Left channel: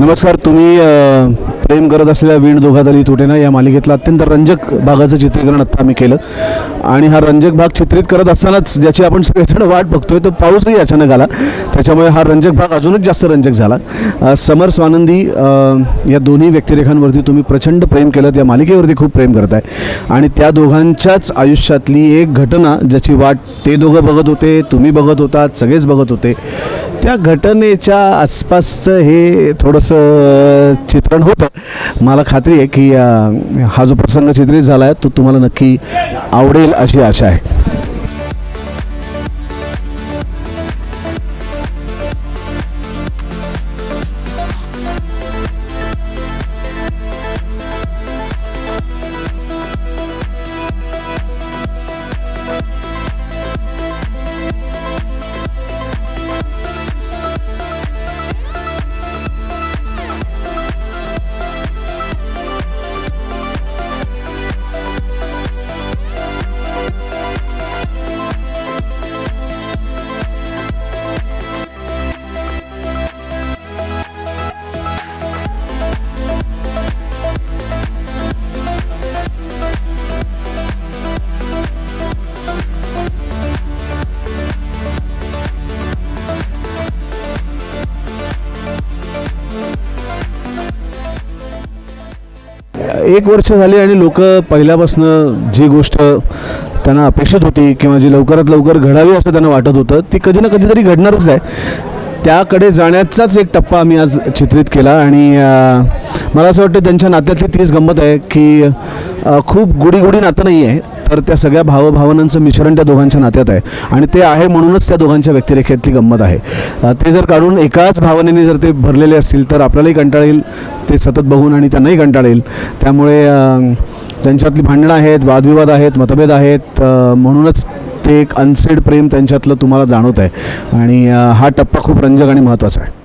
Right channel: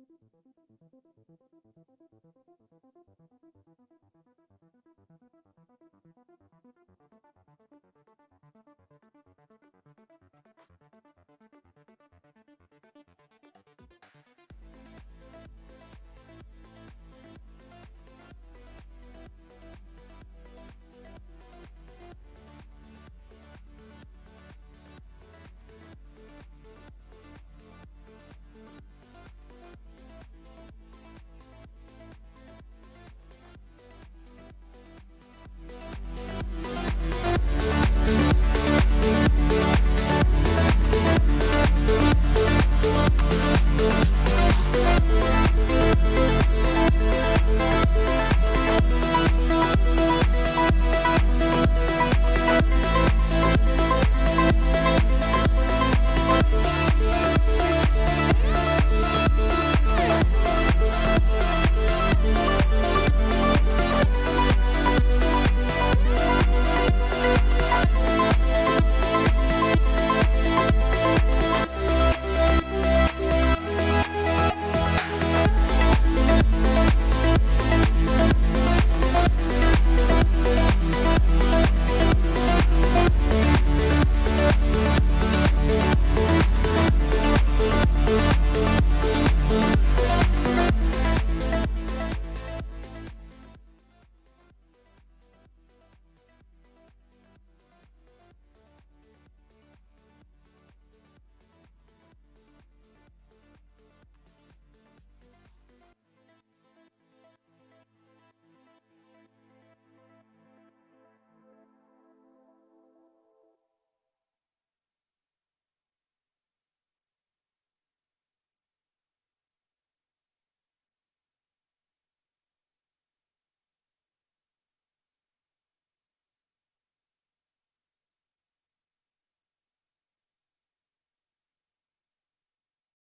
नमस्कार. तुम्ही प्रेम करत असलेल्या वीण दोघातली तुटेना या मालिकेतलं अत्यंत रंजक भागाचं चित्रीकरण आत्ता आम्ही केलं आणि हा रंजक भाग चित्रित करत असतानाच ज्याची आपण सगळेजण वाट बघतोय तो पाऊसही अचानक आला, त्याच्यामुळे हा रंजक भाग अजूनच जास्त रंजक झाला. समर स्वानंदी या दोन्ही व्यक्तिरेखांवरती तुम्ही प्रचंड प्रेम केलं, या मालिकेवरती खूप प्रेम करताय आणि त्या दोघांच्याच आयुष्यातली एक घटना ज्याची वाट ते दोघं बघत होते, तुम्ही बघत होतात, सगळेच बघत होते, त्या घटनेच्या आसपासचं हे थोडंसं चित्रण होतं. मला खात्री आहे की हा जो प्रसंग चित्रित झाला आहे तो तुम्हाला नक्की आवडेल अशी आशा आहे. एक वर्ष झाली आणि लोक पहिल्यापासून जी गोष्ट त्यांना अपेक्षित होती किंवा जी लवकरात लवकर घडावी असं त्यांना वाटत होतं ती कधी ना कधीतरी घडणारच आहे. त्याकडे जाण्याचाच एक टप्पा आम्ही आज चित्रित केला आणि मला असं वाटतं त्यांच्या नात्यातली तीच गंमत आहे की खूप गुडी नातं नाही आहे, तर त्या सगळ्या भावभावनांचं मिश्रण त्या दोघांच्या नात्यात आहे आणि ते आहे म्हणूनच त्या दोघांच्या व्यक्तिरेखेतली गंमत आहे. ते जर काढून एकाच भावनेने जर ते भरलेले असतील तर आपल्यालाही कंटाळा येईल ते सतत बघून आणि त्यांनाही कंटाळा येईल. त्यामुळे त्यांच्यातली भांडणं आहेत, वादविवाद आहेत, मतभेद आहेत, म्हणूनच ते एक अनसेड प्रेम त्यांच्यातलं तुम्हाला जाणवत आहे आणि हा टप्पा खूप रंजक आणि महत्त्वाचा आहे.